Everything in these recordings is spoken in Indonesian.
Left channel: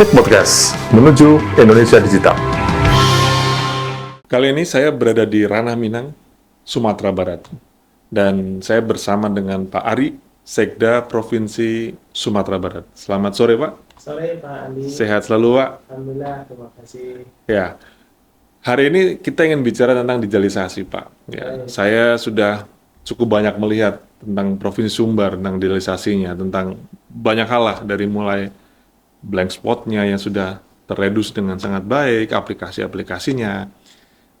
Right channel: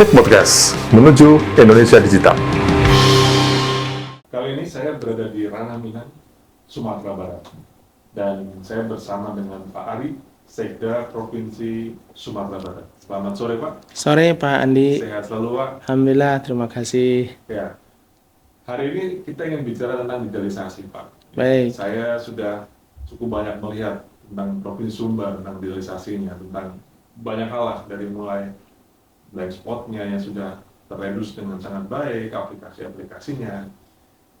Teknik Podcast menuju Indonesia Digital. Kali ini saya berada di Ranah Minang, Sumatera Barat. Dan saya bersama dengan Pak Ari, Sekda Provinsi Sumatera Barat. Selamat sore, Pak. Sore Pak Andi, Sehat selalu, Pak. Alhamdulillah, terima kasih. Ya, hari ini kita ingin bicara tentang digitalisasi, Pak. Ya, Baik. saya sudah cukup banyak melihat tentang Provinsi Sumbar, tentang digitalisasinya, tentang banyak hal lah, dari mulai blank spotnya yang sudah terredus dengan sangat baik, aplikasi-aplikasinya.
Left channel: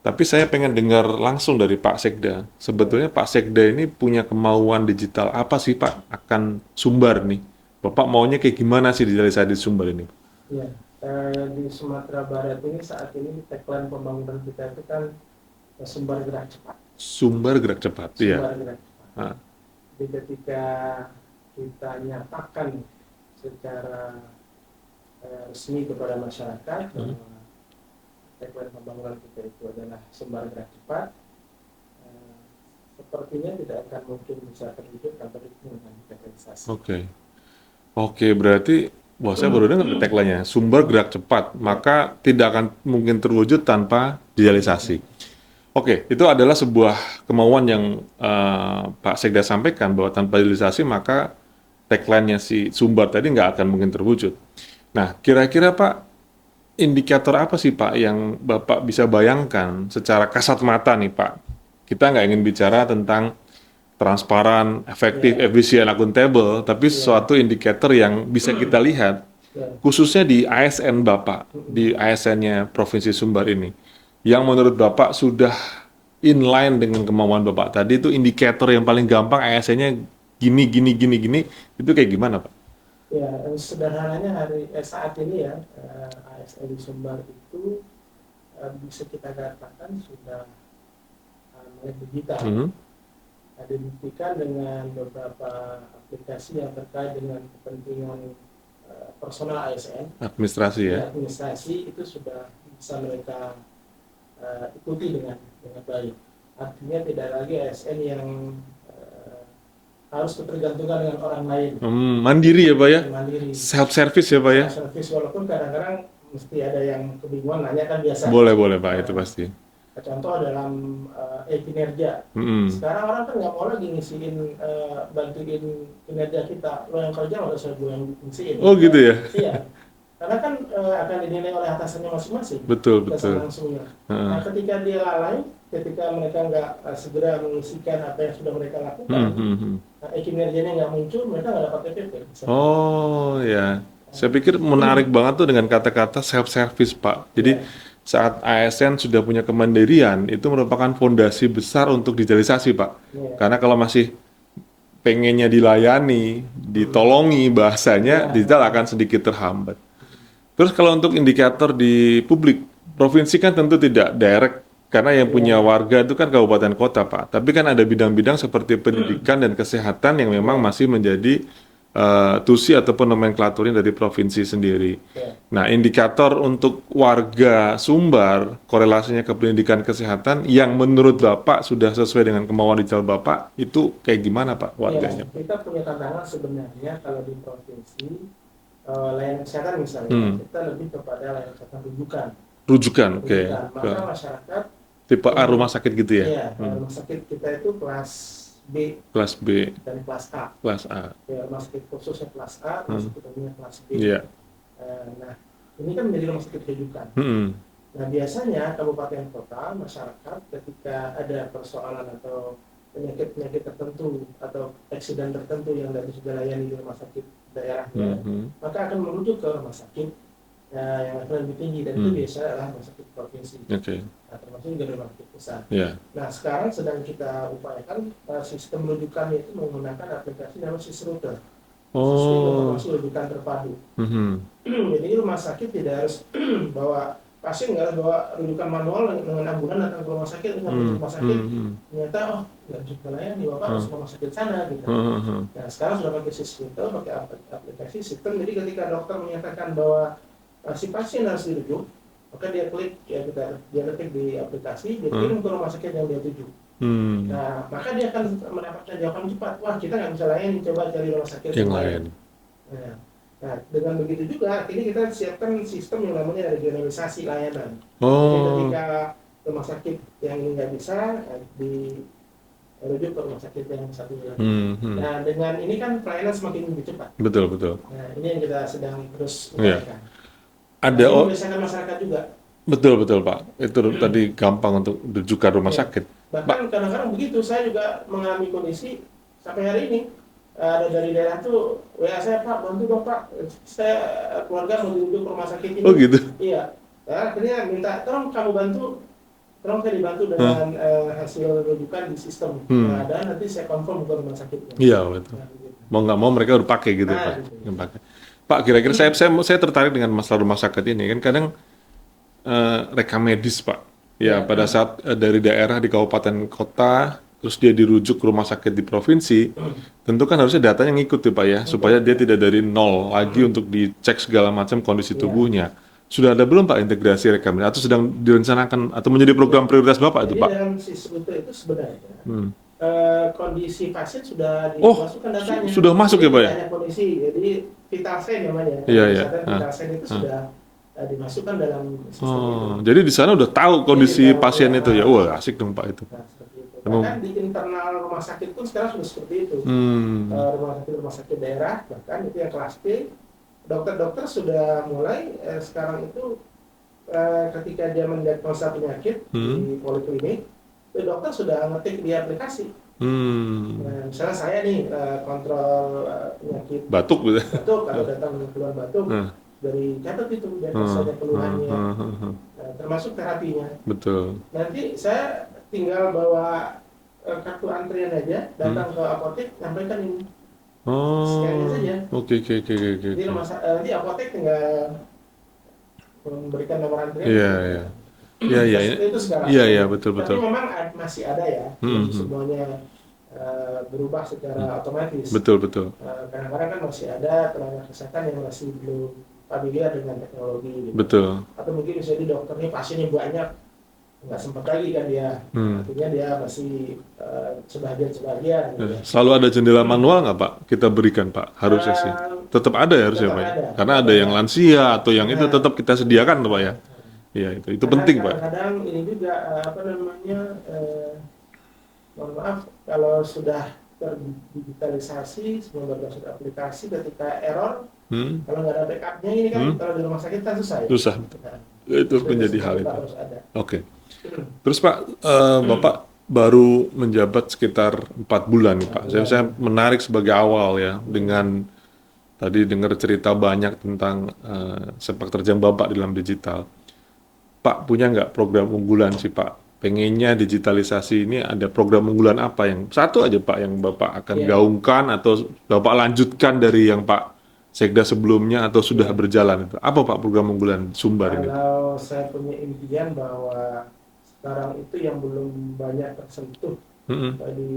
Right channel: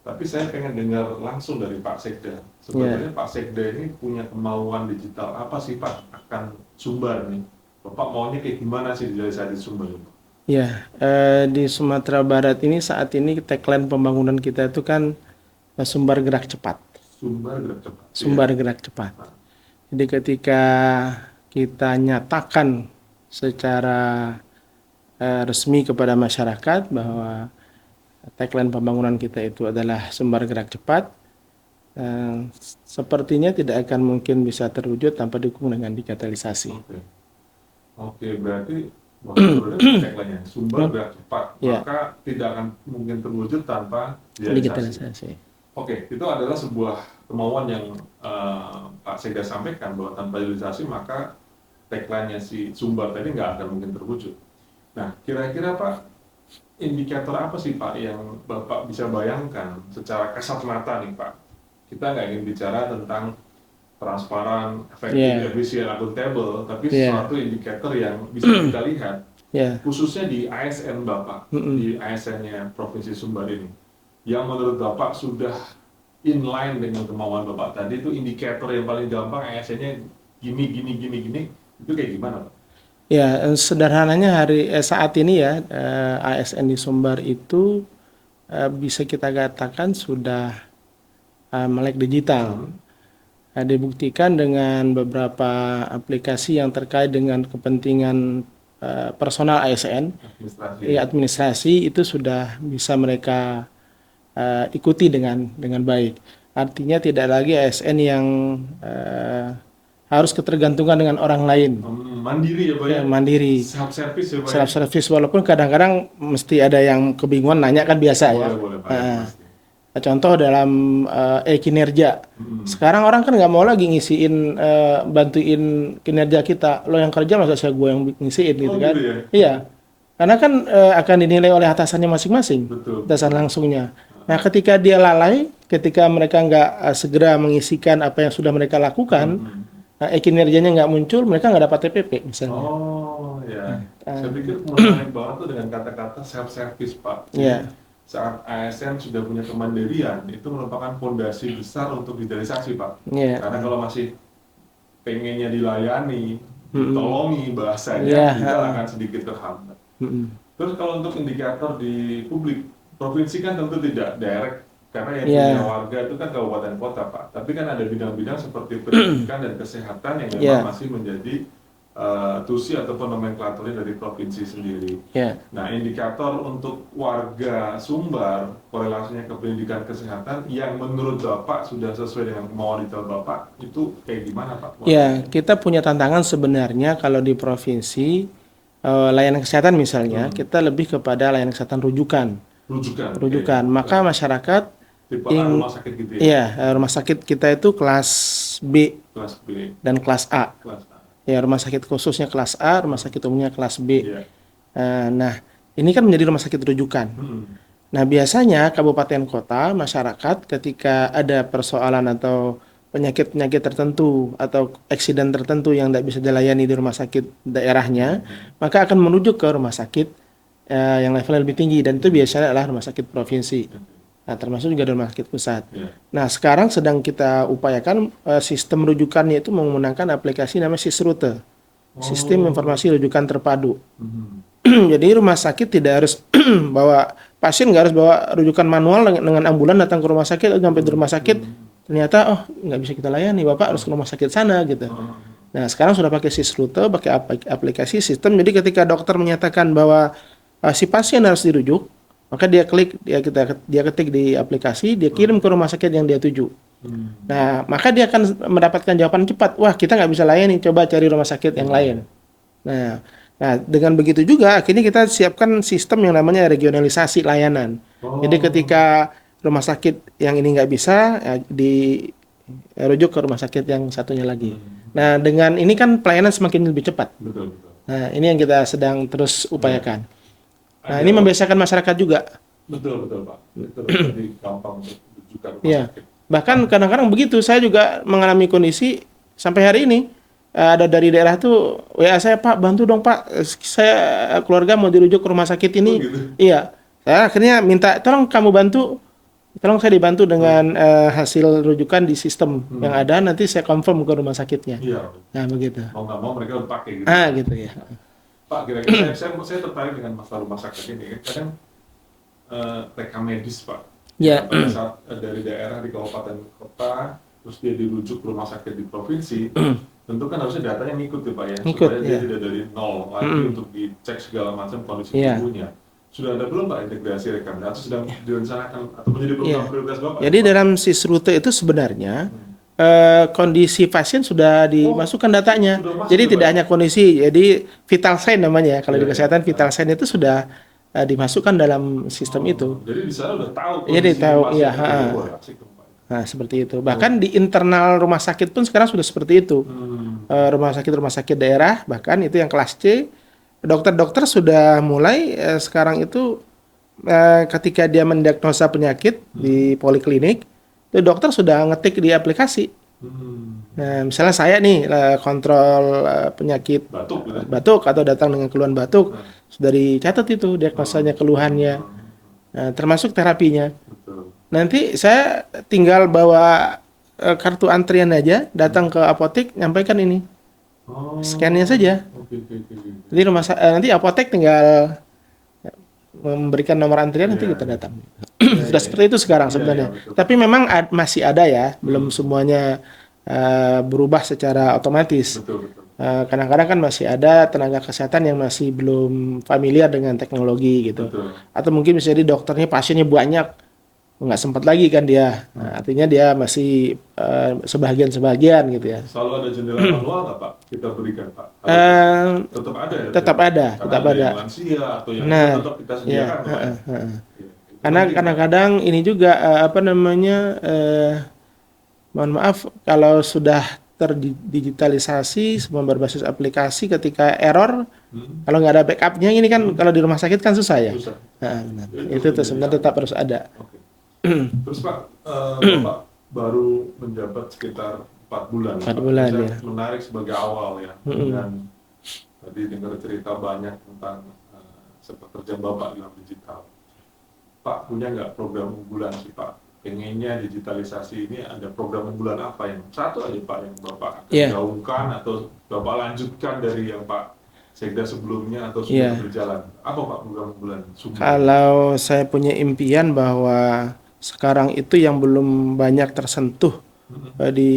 Tapi saya pengen dengar langsung dari Pak Sekda. Sebetulnya Pak Sekda ini punya kemauan digital apa sih, Pak, akan Sumbar nih? Bapak maunya kayak gimana sih digitalisasi di Sumbar ini? Ya, di Sumatera Barat ini saat ini tagline pembangunan kita itu kan sumber gerak cepat. Sumbar gerak cepat. Iya. Sumber gerak cepat. Ah, Jadi ketika kita nyatakan secara resmi kepada masyarakat bahwa tagline pembangunan kita itu adalah sumber gerak cepat, sepertinya tidak akan mungkin bisa terwujud tanpa didukung dengan digitalisasi. Oke. Oke, berarti wah, saya baru dengar tagline-nya, sumber gerak cepat, Iya. maka tidak akan mungkin terwujud tanpa digitalisasi. Oke, itu adalah sebuah kemauan yang Pak Sekda sampaikan, bahwa tanpa digitalisasi maka tagline-nya si Sumbar tadi nggak akan mungkin terwujud. Nah, kira-kira Pak, indikator apa sih Pak yang Bapak bisa bayangkan secara kasat mata nih Pak? Kita nggak ingin bicara tentang transparan, efektif, Iya. efisien, akuntabel, tapi Iya. suatu indikator yang bisa kita lihat, Ya, khususnya di ASN Bapak, di ASN-nya Provinsi Sumbar ini, yang menurut Bapak sudah inline dengan kemauan Bapak tadi, itu indikator yang paling gampang ASN-nya gini, itu kayak gimana Pak? ya, sederhananya saat ini ya ASN di Sumbar itu bisa kita katakan sudah melek digital. Dibuktikan dengan beberapa aplikasi yang terkait dengan kepentingan personal ASN, Administrasi ya? administrasi itu sudah bisa mereka ikuti dengan baik. Artinya tidak lagi ASN yang harus ketergantungan dengan orang lain, Mandiri ya Pak ya? yang mandiri, Self-service ya Pak ya? self service, walaupun kadang-kadang mesti ada yang kebingungan nanya kan biasa. Boleh Pak, itu pasti. Contoh dalam kinerja. Sekarang orang kan nggak mau lagi ngisiin bantuin kinerja kita. Lo yang kerja masa saya gue yang ngisiin. Oh kan. gitu ya? Iya. Karena kan akan dinilai oleh atasannya masing-masing. Betul. Atasan langsungnya. Nah, ketika dia lalai, ketika mereka nggak segera mengisikan apa yang sudah mereka lakukan, kinerjanya nggak muncul, mereka nggak dapat TPP misalnya. Oh ya, saya pikir menarik banget tuh dengan kata-kata self-service Pak. Jadi Iya. saat ASN sudah punya kemandirian, itu merupakan fondasi besar untuk digitalisasi Pak. Iya. Karena kalau masih pengennya dilayani, ditolongi bahasanya, Iya. digital akan sedikit terhambat. Terus kalau untuk indikator di publik, provinsi kan tentu tidak direct, karena yang punya warga itu kan kabupaten kota Pak. Tapi kan ada bidang-bidang seperti pendidikan dan kesehatan yang memang masih menjadi tusi ataupun nomenklaturnya dari provinsi sendiri. Iya. Nah, indikator untuk warga Sumbar, korelasinya ke pendidikan kesehatan yang menurut Bapak sudah sesuai dengan kemauan digital Bapak, itu kayak gimana Pak? Ya, kita punya tantangan sebenarnya kalau di provinsi layanan kesehatan misalnya, kita lebih kepada layanan kesehatan rujukan. Rujukan, oke. Maka masyarakat Tipe A rumah sakit gitu ya? Iya, rumah sakit kita itu kelas B Kelas B, dan kelas A. kelas A. Ya, rumah sakit khususnya kelas A, rumah sakit umumnya kelas B. Iya. Nah, ini kan menjadi rumah sakit rujukan. Nah, biasanya kabupaten kota, masyarakat ketika ada persoalan atau penyakit-penyakit tertentu atau eksiden tertentu yang tidak bisa dilayani di rumah sakit daerahnya, maka akan merujuk ke rumah sakit yang levelnya lebih tinggi, dan itu biasanya adalah rumah sakit provinsi. Oke. Nah, termasuk juga rumah sakit pusat. Iya. Nah, sekarang sedang kita upayakan sistem rujukannya itu menggunakan aplikasi namanya SISRUTE, Sistem Informasi Rujukan Terpadu. Jadi rumah sakit tidak harus bawa pasien, nggak harus bawa rujukan manual dengan ambulan datang ke rumah sakit, sampai di rumah sakit ternyata nggak bisa kita layani, bapak harus ke rumah sakit sana gitu. Nah, sekarang sudah pakai SISRUTE, pakai aplikasi sistem. Jadi ketika dokter menyatakan bahwa si pasien harus dirujuk, maka dia ketik di aplikasi, dia kirim ke rumah sakit yang dia tuju. Nah, maka dia akan mendapatkan jawaban cepat. Wah, kita nggak bisa layani, coba cari rumah sakit yang lain. Nah, Nah, dengan begitu juga akhirnya kita siapkan sistem yang namanya regionalisasi layanan. Oh. Jadi ketika rumah sakit yang ini nggak bisa, dirujuk ke rumah sakit yang satunya lagi. Nah, dengan ini kan pelayanan semakin lebih cepat. Betul, betul. Nah, ini yang kita sedang terus upayakan. Nah, Ada ini membiasakan masyarakat juga. betul, betul, Pak. Itu tadi gampang untuk rujukan rumah Iya. sakit. Bahkan kadang-kadang begitu, saya juga mengalami kondisi sampai hari ini. Ada dari daerah tuh WA saya, Pak, bantu dong Pak, saya keluarga mau dirujuk ke rumah sakit ini. Oh, gitu? Iya, saya akhirnya minta tolong kamu bantu, tolong saya dibantu dengan hasil rujukan di sistem yang ada, nanti saya confirm ke rumah sakitnya. Iya, betul. Nah begitu. Mau nggak mau mereka udah pakai gitu, Pak. Gitu ya. Yang pakai. Pak, kira-kira saya tertarik dengan masalah rumah sakit ini. Kan kadang rekam medis, Pak. Ya, pada saat dari daerah di kabupaten kota, terus dia dirujuk ke rumah sakit di provinsi, tentu kan harusnya datanya ngikut ya Pak ya, supaya dia tidak dari nol lagi untuk dicek segala macam kondisi tubuhnya. Sudah ada belum Pak integrasi rekam atau sedang direncanakan atau menjadi program prioritas Bapak? Jadi ya, Pak? dalam SIS-Rute itu sebenarnya kondisi pasien sudah dimasukkan datanya. sudah masuk jadi ya, Pak, tidak ya? hanya kondisi, jadi vital sign namanya ya. Kalau Iya, di iya. kesehatan vital sign itu sudah dimasukkan dalam sistem itu. Jadi di sana udah tahu kondisi tahu, pasien iya, itu ya. Wah, asik dong Pak itu. Nah, seperti itu. Bahkan di internal rumah sakit pun sekarang sudah seperti itu. Rumah sakit daerah, bahkan itu yang kelas C, dokter-dokter sudah mulai sekarang itu ketika dia mendiagnosa penyakit di poliklinik, itu dokter sudah ngetik di aplikasi. Nah, misalnya saya nih kontrol penyakit Batuk gitu. batuk atau datang dengan keluhan batuk, sudah dicatat itu diagnosanya, keluhannya, nah, termasuk terapinya. Betul. Nanti saya tinggal bawa kartu antrian aja, datang ke apotek, nyampaikan ini, scan-nya saja. Oke. Jadi nanti apotek tinggal memberikan nomor antrian, nanti kita datang. Sudah seperti itu sekarang sebenarnya. Betul. Tapi memang masih ada ya, belum semuanya berubah secara otomatis. Betul. Kadang-kadang kan masih ada tenaga kesehatan yang masih belum familiar dengan teknologi gitu. Betul. Atau mungkin bisa jadi dokternya pasiennya banyak, nggak sempat lagi kan dia. Artinya dia masih sebagian gitu ya. Selalu ada jendela manual nggak Pak? Kita berikan Pak, harusnya sih. Tetap ada ya harusnya tetap Pak? ada, Karena tetap ada ada. yang lansia atau yang itu tetap kita sediakan tuh Pak ya. Iya itu Karena penting Pak. kadang-kadang ini juga mohon maaf kalau sudah terdigitalisasi semua berbasis aplikasi, ketika error kalau nggak ada backupnya ini kan kalau di rumah sakit kan susah ya. Susah. Nah, benar. Itu Itu menjadi sebenarnya hal tetap harus ada. Oke. Terus Pak, Bapak baru menjabat sekitar 4 bulan. 4 Pak. bulan, Saya ya. menarik sebagai awal ya dengan tadi dengar cerita banyak tentang sepak terjang Bapak di dalam digital. Pak punya nggak program unggulan sih Pak? Pengennya digitalisasi ini ada program unggulan apa yang satu aja Pak yang Bapak akan gaungkan atau Bapak lanjutkan dari yang Pak Sekda sebelumnya atau sudah berjalan itu? Apa Pak program unggulan Sumbar? Kalau saya punya impian bahwa sekarang itu yang belum banyak tersentuh di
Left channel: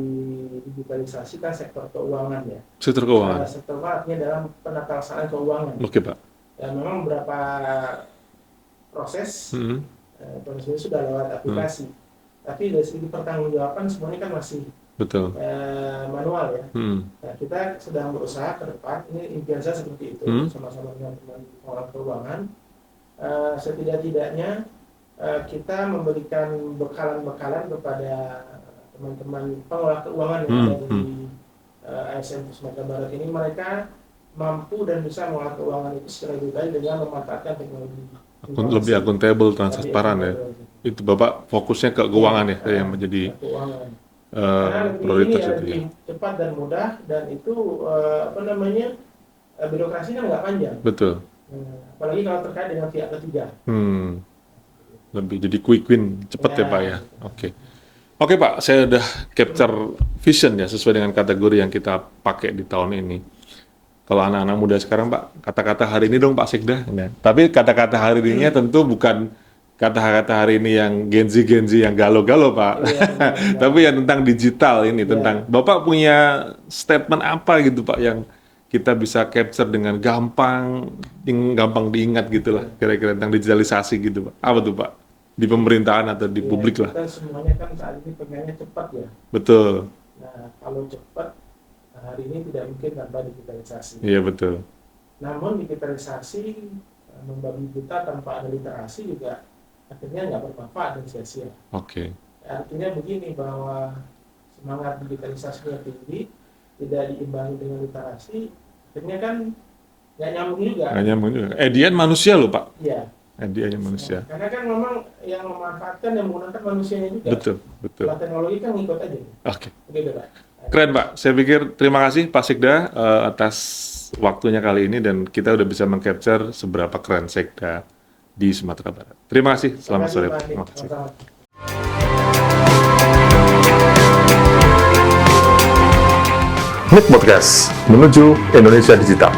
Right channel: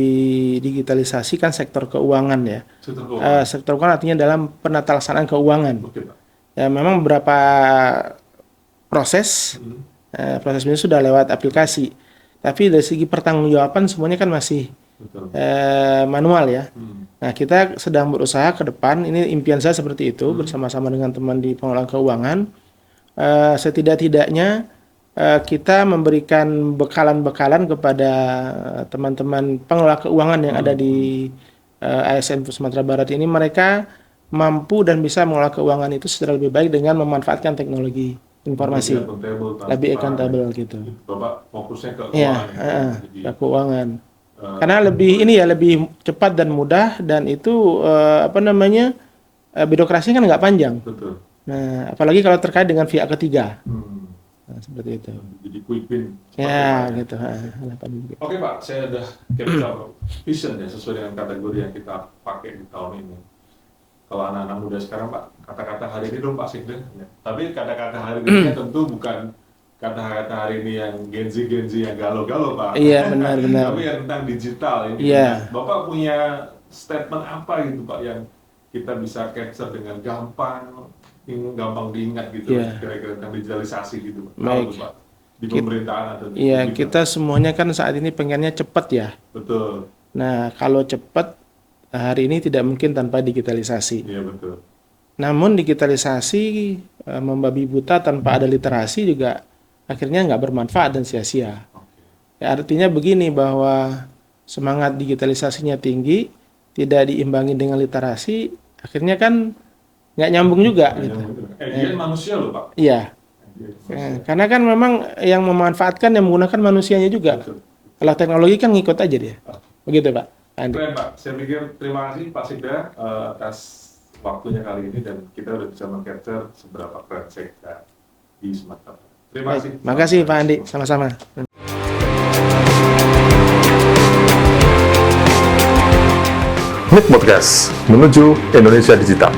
digitalisasi kan sektor keuangan ya. Sektor keuangan. Sektor keuangan artinya dalam penata laksanaan keuangan. Oke Pak. Ya memang beberapa proses ini sudah lewat aplikasi, tapi dari segi pertanggungjawaban semuanya kan masih Betul. manual ya. Nah kita sedang berusaha ke depan. Ini impian saya seperti itu bersama-sama dengan teman di pengelolaan keuangan. Setidak-tidaknya kita memberikan bekalan-bekalan kepada teman-teman pengelola keuangan yang ada di ASN Sumatera Barat ini. Mereka mampu dan bisa mengelola keuangan itu secara lebih baik dengan memanfaatkan teknologi informasi. Lebih akuntabel, transparan ya. Gitu. Itu Bapak fokusnya ke keuangan ya, yang menjadi ke keuangan. Karena lebih cepat dan mudah, dan itu birokrasi kan nggak panjang. Betul. Nah, apalagi kalau terkait dengan pihak ketiga. Nah, seperti itu. Lebih jadi quick win, cepat ya Pak ya. Gitu. Oke Pak, saya udah capture vision ya sesuai dengan kategori yang kita pakai di tahun ini. Kalau anak-anak muda sekarang Pak, kata-kata hari ini dong Pak Sekda. Tapi kata-kata hari ini tentu bukan kata-kata hari ini yang Gen Z yang galau-galau Pak. Iya benar. Tapi yang tentang digital ini, tentang Bapak punya statement apa gitu Pak yang kita bisa capture dengan gampang diingat gitu lah, kira-kira tentang digitalisasi gitu Pak. Apa tuh Pak? Di pemerintahan atau di publik kita semuanya kan saat ini pengennya cepat ya. Betul. Nah, kalau cepat hari ini tidak mungkin tanpa digitalisasi. Iya betul. Namun digitalisasi membabi buta tanpa ada literasi juga akhirnya nggak bermanfaat dan sia-sia. Oke. Ya, artinya begini bahwa semangat digitalisasinya tinggi, tidak diimbangi dengan literasi, akhirnya kan nggak nyambung juga. Nggak nyambung juga. Edian manusia loh Pak. Iya. Ediannya manusia. Karena kan memang yang memanfaatkan yang menggunakan manusianya juga. Betul. Kalau teknologi kan ngikut aja dia. Oke. Begitu Pak. Keren Pak. Saya pikir terima kasih Pak Sekda atas waktunya kali ini dan kita udah bisa meng-capture seberapa keren Sekda di Sumatera Barat. Terima kasih. Terima kasih Selamat Pak sore. Andi. Terima kasih. Sama-sama. Nik Podcast menuju Indonesia Digital.